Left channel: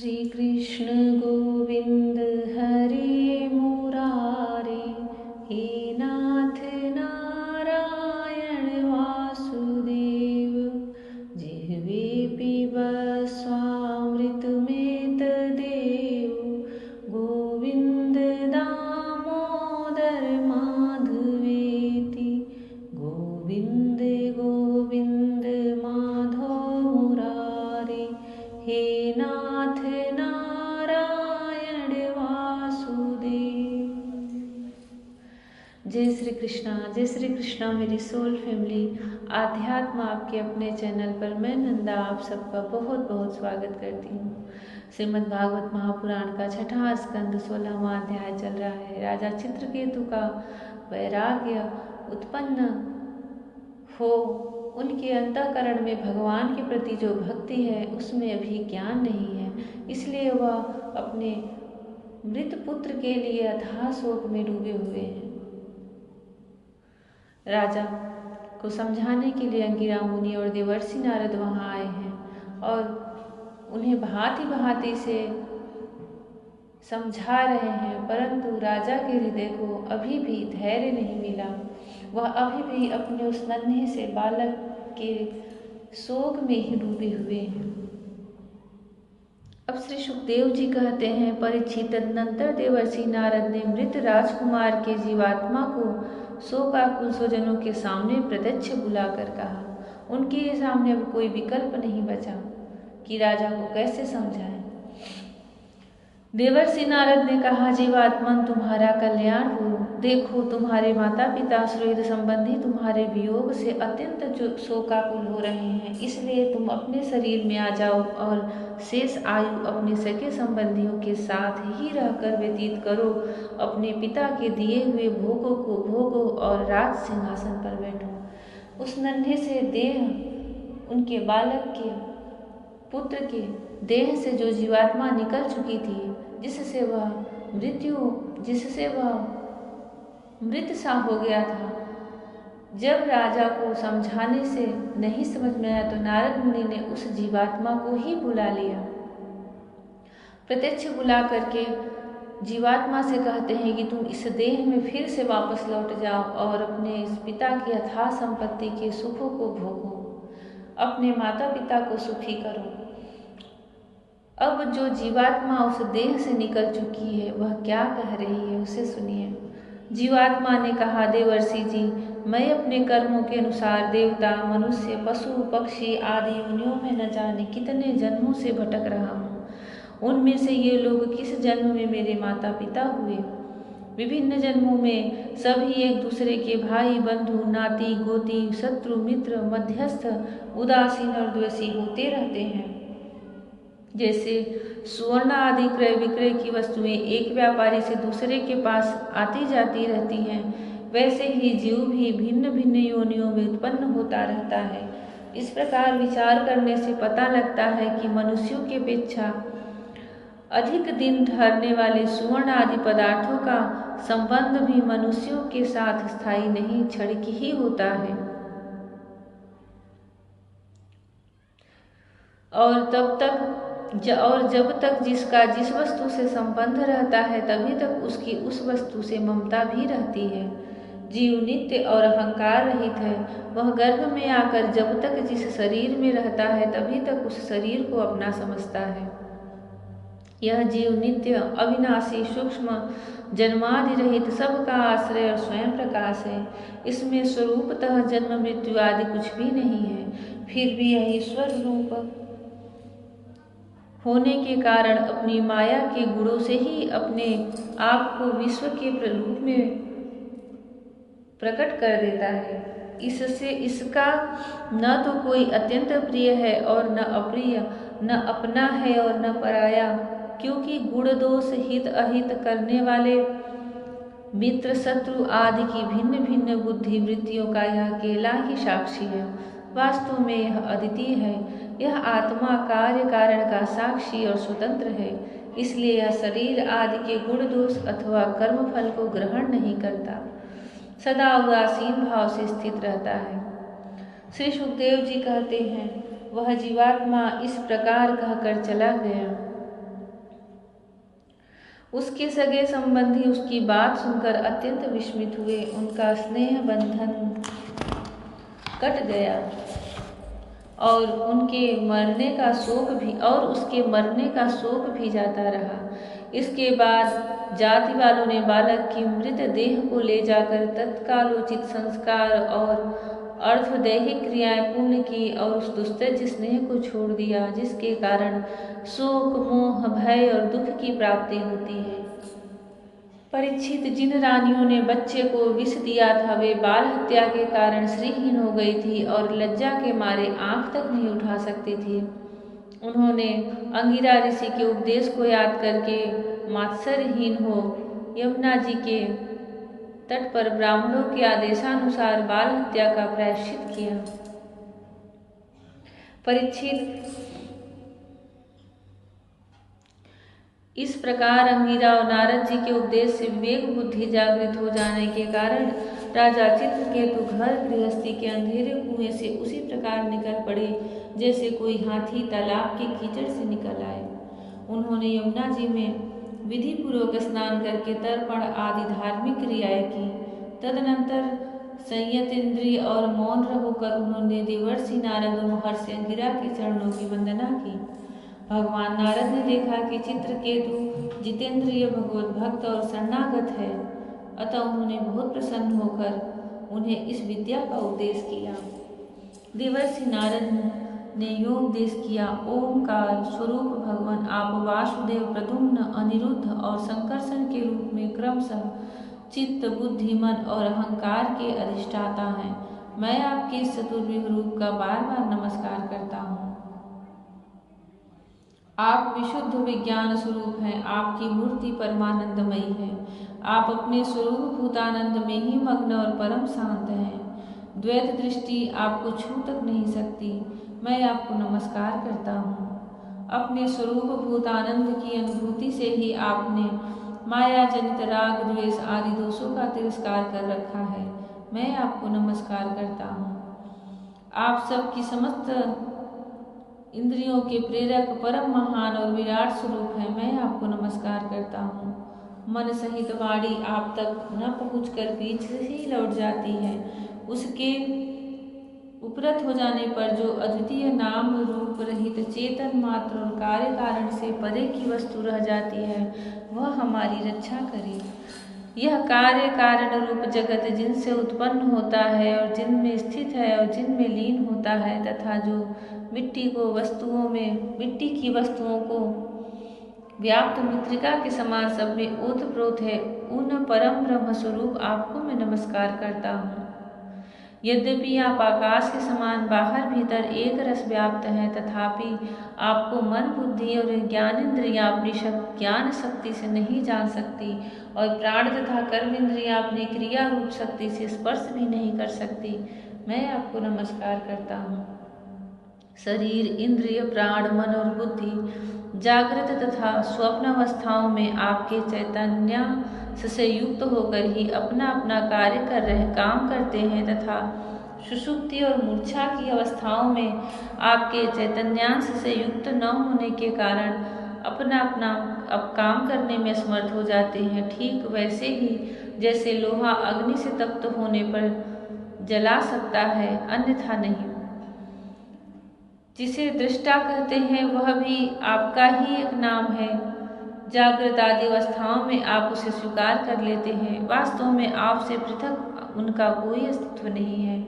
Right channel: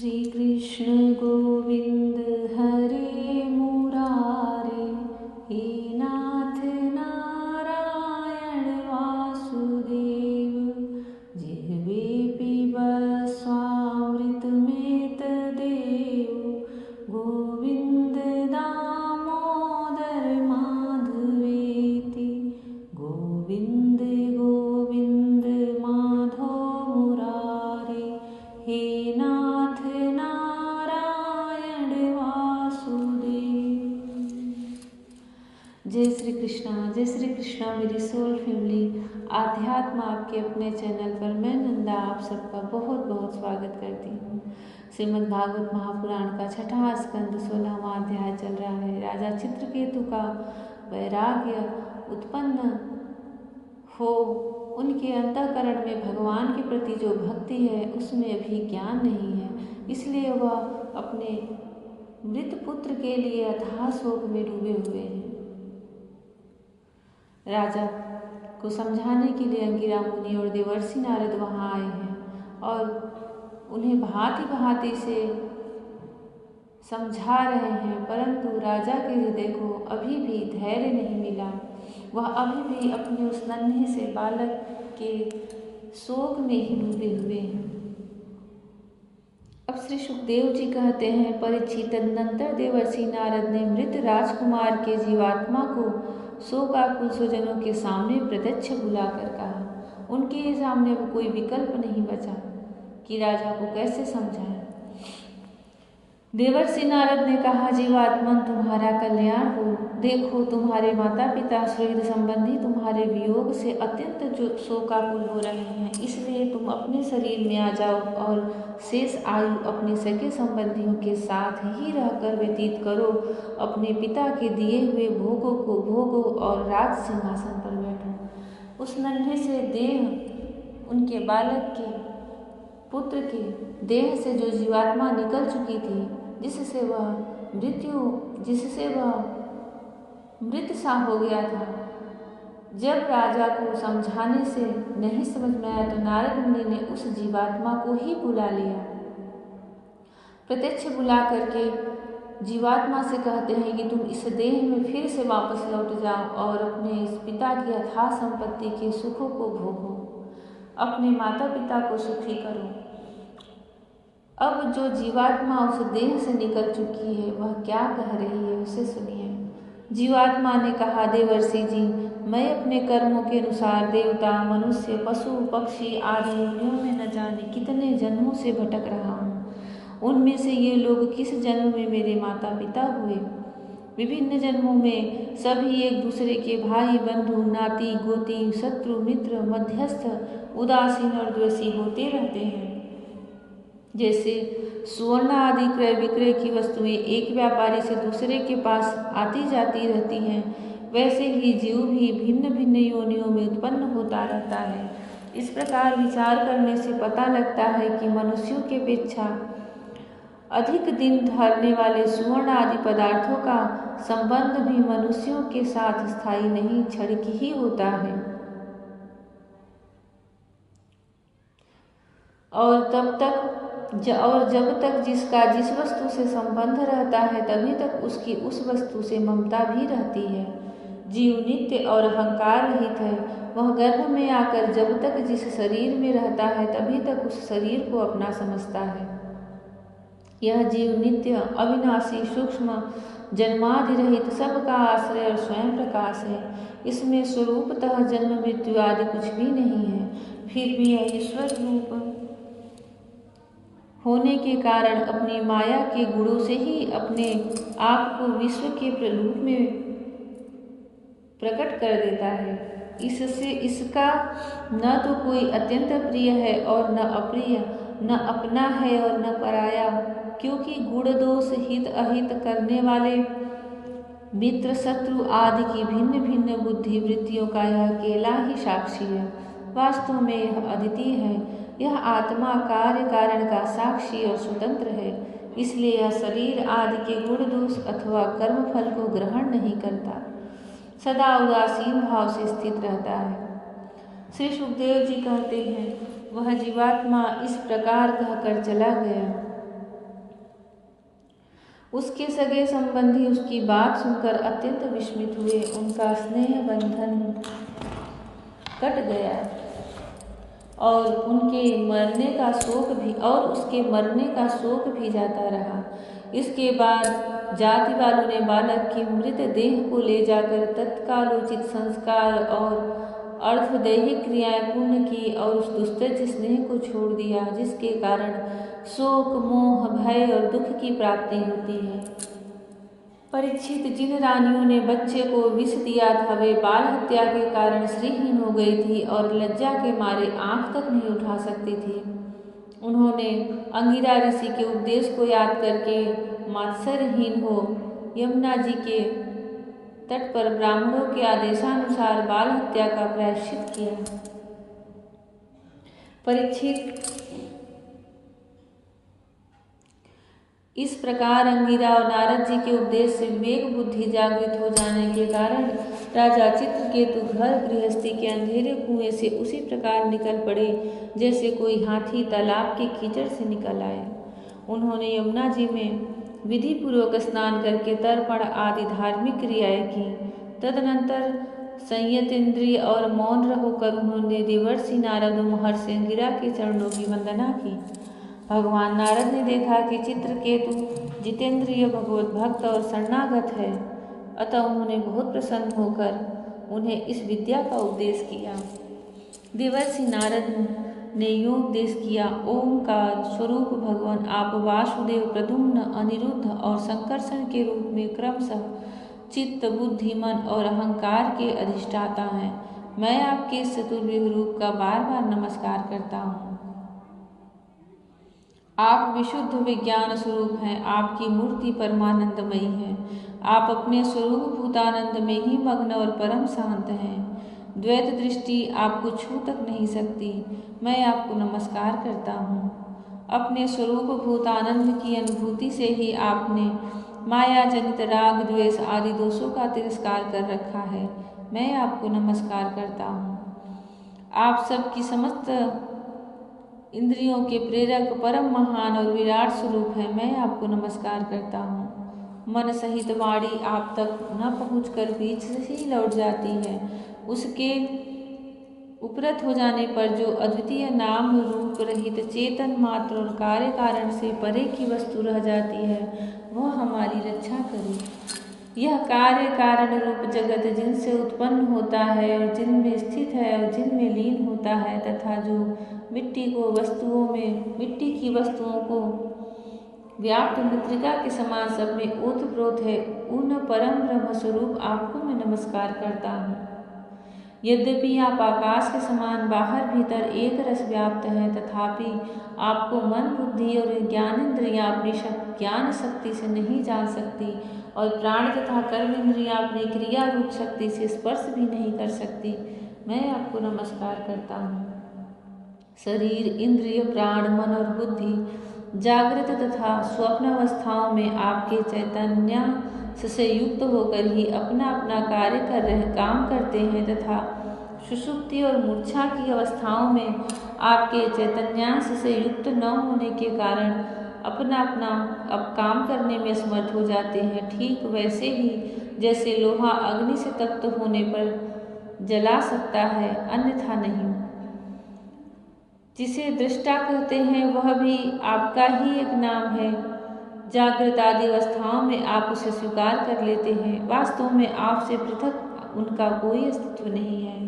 श्री कृष्ण गोविंद हरे मुरारे, हे नाथ नारायण वासुदेव। जिह्वे पिबस्वामृतमेतदेव, गोविंद दामोदर माधवेति। गोविंद गोविंद माधव मुरारे, हे नाथ नारायण वासुदेव। जय श्री कृष्णा मेरी सोल फैमिली। आध्यात्म आपके अपने चैनल पर मैं नंदा आप सबका बहुत बहुत स्वागत करती हूँ। श्रीमद् भागवत महापुराण का 6वां स्कंद 16वां अध्याय चल रहा है। राजा चित्रकेतु का वैराग्य उत्पन्न हो, उनके अंतःकरण में भगवान के प्रति जो भक्ति है उसमें अभी ज्ञान नहीं है, इसलिए वह अपने मृत पुत्र के लिए अथाह शोक में डूबे हुए हैं। राजा को समझाने के लिए अंगिरा मुनि और देवर्षि नारद वहाँ आए हैं और उन्हें भांति भांति से समझा रहे हैं, परंतु राजा के हृदय को अभी भी धैर्य नहीं मिला। वह अभी भी अपने उस नन्हे से बालक के शोक में ही डूबे हुए हैं। अब श्री सुखदेव जी कहते हैं, परीक्षित तदनंतर देवर्षि नारद ने मृत राजकुमार के जीवात्मा को शोकाकुल स्वजनों के सामने प्रत्यक्ष बुलाकर कहा। उनके सामने अब कोई विकल्प नहीं बचा कि राजा को कैसे समझाएं। देवर्षि नारद ने कहा, जीवात्मन तुम्हारा कल्याण हो। देखो, तुम्हारे माता पिता सुहृद संबंधी तुम्हारे वियोग से अत्यंत शोकाकुल हो रहे हैं, इसलिए तुम अपने शरीर में आ जाओ और शेष आयु अपने सगे संबंधियों के साथ ही रहकर व्यतीत करो। अपने पिता के दिए हुए भोगों को भोगो और राज सिंहासन पर बैठो। उस नन्हे से देह, उनके बालक के पुत्र के देह से जो जीवात्मा निकल चुकी थी, जिससे वह मृत सा हो गया था, जब राजा को समझाने से नहीं समझ में आया तो नारद मुनि ने उस जीवात्मा को ही बुला लिया। प्रत्यक्ष बुला करके जीवात्मा से कहते हैं कि तुम इस देह में फिर से वापस लौट जाओ और अपने इस पिता की अथाह संपत्ति के सुखों को भोगो, अपने माता पिता को सुखी करो। अब जो जीवात्मा उस देह से निकल चुकी है वह क्या कह रही है, उसे सुनिए। जीवात्मा ने कहा, देवर्षि जी, मैं अपने कर्मों के अनुसार देवता, मनुष्य, पशु, पक्षी आदि योनियों में न जाने कितने जन्मों से भटक रहा हूँ। उनमें से ये लोग किस जन्म में मेरे माता पिता हुए। विभिन्न जन्मों में सभी एक दूसरे के भाई, बंधु, नाती, गोती, शत्रु, मित्र, मध्यस्थ, उदासीन और द्वेषी होते रहते हैं। जैसे सुवर्ण आदि क्रय विक्रय की वस्तुएं एक व्यापारी से दूसरे के पास आती जाती रहती हैं, वैसे ही जीव भी भिन्न भिन्न योनियों में उत्पन्न होता रहता है। इस प्रकार विचार करने से पता लगता है कि मनुष्यों की अपेक्षा अधिक दिन ठहरने वाले सुवर्ण आदि पदार्थों का संबंध भी मनुष्यों के साथ स्थायी नहीं, क्षणिक ही होता है। और जब तक जिसका जिस वस्तु से संबंध रहता है तभी तक उसकी उस वस्तु से ममता भी रहती है। जीव नित्य और अहंकार रहित है। वह गर्भ में आकर जब तक जिस शरीर में रहता है तभी तक उस शरीर को अपना समझता है। यह जीव नित्य, अविनाशी, सूक्ष्म, जन्मादि रहित, सबका आश्रय और स्वयं प्रकाश है। इसमें स्वरूपतः जन्म मृत्यु आदि कुछ भी नहीं है। फिर भी यह ईश्वर रूप होने के कारण अपनी माया के गुणों से ही अपने आप को विश्व के रूप में प्रकट कर देता है। इससे इसका न तो कोई अत्यंत प्रिय है और न अप्रिय, न अपना है और न पराया, क्योंकि गुण दोष, हित अहित करने वाले मित्र, शत्रु आदि की भिन्न भिन्न बुद्धि वृत्तियों का यह अकेला ही साक्षी है। वास्तव में यह अद्वितीय है। यह आत्मा कार्य कारण का साक्षी और स्वतंत्र है, इसलिए यह शरीर आदि के गुण दोष अथवा कर्म फल को ग्रहण नहीं करता, सदा उदासीन भाव से स्थित रहता है। श्री सुखदेव जी कहते हैं, वह जीवात्मा इस प्रकार कहकर चला गया। उसके सगे संबंधी उसकी बात सुनकर अत्यंत विस्मित हुए। उनका स्नेह बंधन कट गया और उसके मरने का शोक भी जाता रहा। इसके बाद जाति वालों ने बालक की मृत देह को ले जाकर तत्कालोचित संस्कार और अर्थदैहिक क्रियाएं पूर्ण की और उस दुस्तेज स्नेह को छोड़ दिया जिसके कारण शोक, मोह, भय और दुख की प्राप्ति होती है। परीक्षित, जिन रानियों ने बच्चे को विष दिया था वे बाल हत्या के कारण श्रीहीन हो गई थी और लज्जा के मारे आंख तक नहीं उठा सकती थी। उन्होंने अंगिरा ऋषि के उपदेश को याद करके मात्सर्यहीन हो यमुना जी के तट पर ब्राह्मणों के आदेशानुसार बाल हत्या का प्रायश्चित किया। परीक्षित, इस प्रकार अंगिरा और नारद जी के उपदेश से विवेक बुद्धि जागृत हो जाने के कारण राजा चित्रकेतु घर गृहस्थी के अंधेरे कुएं से उसी प्रकार निकल पड़े जैसे कोई हाथी तालाब के कीचड़ से निकल आए। उन्होंने यमुना जी में विधि पूर्वक स्नान करके तर्पण आदि धार्मिक क्रियाएं की। तदनंतर संयत इंद्रिय और मौन होकर उन्होंने देवर्षि नारद और महर्षि अंगिरा के चरणों की वंदना की। भगवान नारद ने देखा कि चित्रकेतु जितेंद्रिय, भगवत भक्त और शरणागत है, अतः उन्होंने बहुत प्रसन्न होकर उन्हें इस विद्या का उपदेश किया। देवर्षि नारद ने यो उपदेश किया। ओमकार स्वरूप भगवान आप वासुदेव, प्रद्युम्न, अनिरुद्ध और संकर्षण के रूप में क्रमशः चित्त, बुद्धि, मन और अहंकार के अधिष्ठाता हैं। मैं आपके इस चतुर्व्यूह रूप का बार बार नमस्कार करता हूँ। आप विशुद्ध विज्ञान स्वरूप हैं। आपकी मूर्ति परमानंदमयी है। आप अपने स्वरूप भूतानंद में ही मग्न और परम शांत हैं। द्वैत दृष्टि आपको छू तक नहीं सकती। मैं आपको नमस्कार करता हूँ। अपने स्वरूप भूतानंद की अनुभूति से ही आपने माया जनित राग, द्वेष आदि दोषों का तिरस्कार कर रखा है। मैं आपको नमस्कार करता हूँ। आप सबकी समस्त इंद्रियों के प्रेरक, परम महान और विराट स्वरूप है। मैं आपको नमस्कार करता हूँ। मन सहित वाणी आप तक न पहुँचकर बीच से ही लौट जाती है। उसके उपरत हो जाने पर जो अद्वितीय नाम रूप रहित चेतन मात्र और कार्य कारण से परे की वस्तु रह जाती है, वह हमारी रक्षा करे। यह कार्य कारण रूप जगत जिनसे उत्पन्न होता है और जिनमें स्थित है और जिनमें लीन होता है, तथा जो मिट्टी की वस्तुओं को व्याप्त मृत्तिका के समान सब में ओतप्रोत है, उन परम ब्रह्म स्वरूप आपको मैं नमस्कार करता हूँ। यद्यपि आप आकाश के समान बाहर भीतर एक रस व्याप्त हैं, तथापि आपको मन, बुद्धि और ज्ञानेन्द्रियाँ अपनी ज्ञान शक्ति से नहीं जान सकती और प्राण तथा कर्म इंद्रियाँ अपनी क्रिया रूप शक्ति से स्पर्श भी नहीं कर सकती। मैं आपको नमस्कार करता हूँ। शरीर, इंद्रिय, प्राण, मन और बुद्धि जागृत तथा स्वप्न अवस्थाओं में आपके चैतन्य से युक्त होकर ही अपना अपना काम करते हैं तथा सुषुप्ति और मूर्छा की अवस्थाओं में आपके चैतन्यांश से युक्त न होने के कारण अपना अब काम करने में समर्थ हो जाते हैं। ठीक वैसे ही जैसे लोहा अग्नि से तप्त होने पर जला सकता है, अन्यथा नहीं। जिसे दृष्टा कहते हैं वह भी आपका ही एक नाम है। जागृत आदि अवस्थाओं में आप उसे स्वीकार कर लेते हैं। वास्तव में आपसे पृथक उनका कोई अस्तित्व नहीं है।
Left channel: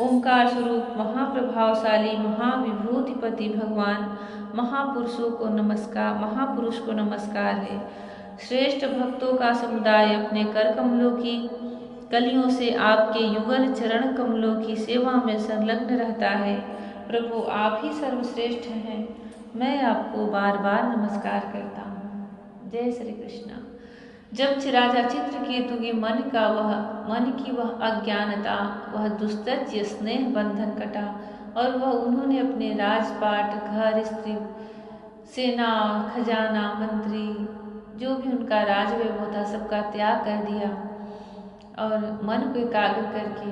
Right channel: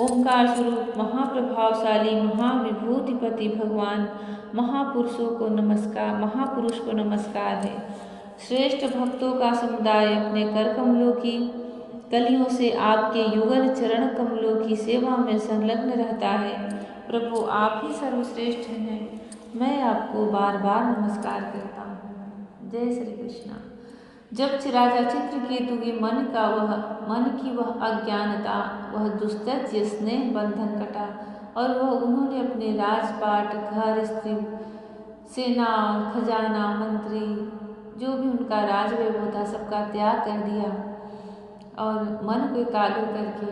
ओंकार स्वरूप महाप्रभावशाली महाविभूतिपति भगवान महापुरुष को नमस्कार है। श्रेष्ठ भक्तों का समुदाय अपने कर कमलों की कलियों से आपके युगल चरण कमलों की सेवा में संलग्न रहता है। प्रभु आप ही सर्वश्रेष्ठ हैं। मैं आपको बार बार नमस्कार करता हूँ। जय श्री कृष्ण। जब राजा चित्रकेतु के मन की वह अज्ञानता, वह दुस्तज्य स्नेह बंधन कटा और उन्होंने अपने राजपाट, घर, स्त्री, सेना, खजाना, मंत्री, जो भी उनका राजवैभव था सबका त्याग कर दिया और मन को एकाग्र करके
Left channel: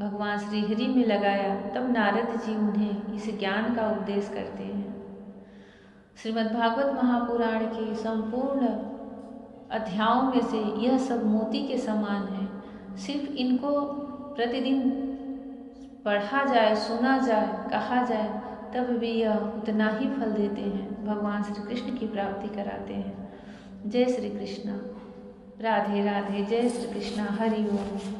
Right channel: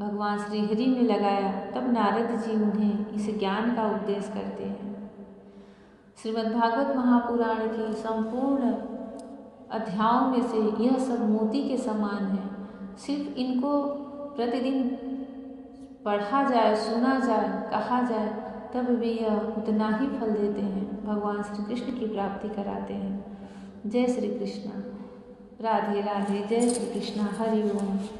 भगवान श्री हरि में लगाया। तब नारद जी उन्हें इस ज्ञान का उपदेश करते हैं। श्रीमद्भागवत महापुराण की संपूर्ण अध्यायों में से यह सब मोती के समान है। सिर्फ इनको प्रतिदिन पढ़ा जाए, सुना जाए, कहा जाए, तब भी यह उतना ही फल देते हैं, भगवान श्री कृष्ण की प्राप्ति कराते हैं। जय श्री कृष्ण। राधे राधे। जय श्री कृष्ण। हरि ओम।